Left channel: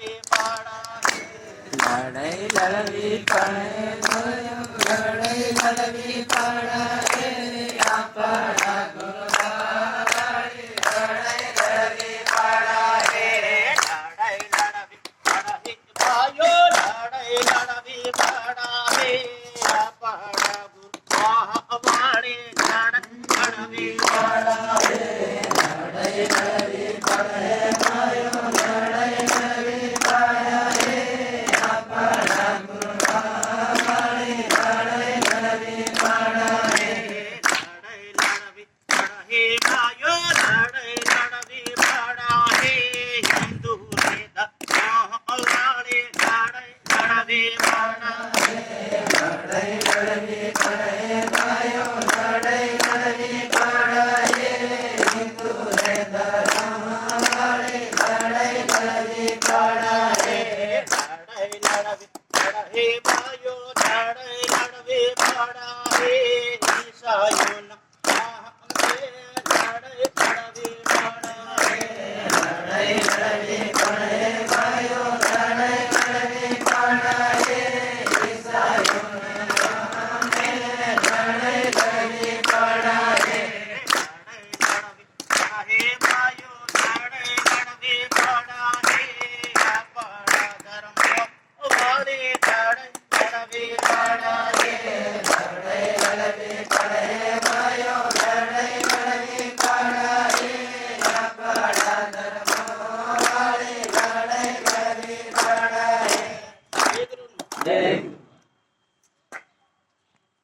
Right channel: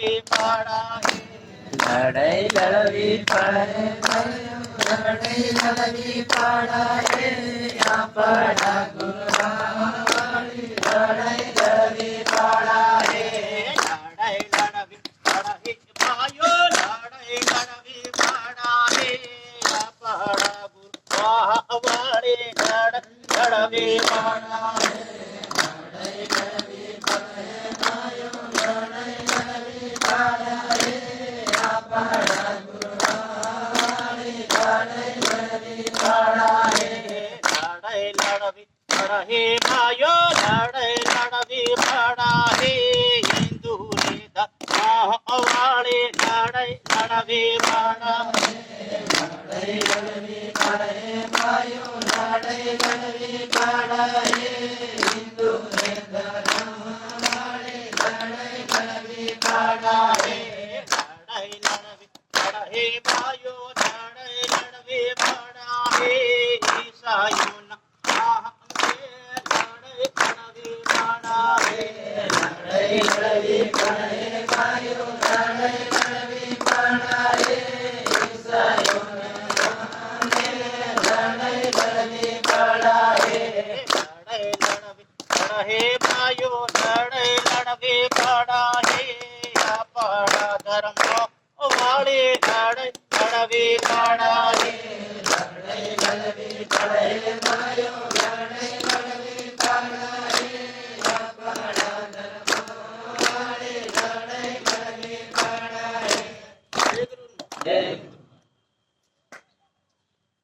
લડવી પડા લડાઈ લડવી પડે લડાઈ લડવી પડે આપણા ગુરુવાળી લડાઈ લડવી પડે લડાઈ લડવી પડા ભાઈઓ લડાઈ લડવી પડા આપણા ગુરુવાળી લડવી પડા લડાઈ લડવી પડે ભાઈઓ લડાઈ લડવી પડે આપણા ગુરુવાળી લડાઈ લડવી પડે લડાઈ લડવી પડા ભાઈઓ લડાઈ લડવી પડા હિન્દુ વાળી લડાઈ લડવી પડા લડાઈ લડવી પડે ભાઈઓ લડાઈ લડવી પડે હિન્દુ ધર્મવાળી લડાઈ લડવી પડે લડાઈ લડવી પડા ભાઈઓ લડાઈ લડવી પડા ઈસાઈઓના લડાઈ લડવી પડા લડાઈ લડવી પડે ભાઈઓ લડાઈ લડવી પડે ઈસાઈઓના લડાઈ લડવી પડે લડાઈ લડવી પડા ભાઈઓ લડાઈ લડવી પડા આપણા ધર્મ વાળી લડાઈ લડવી પડા લડાઈ લડવી પડે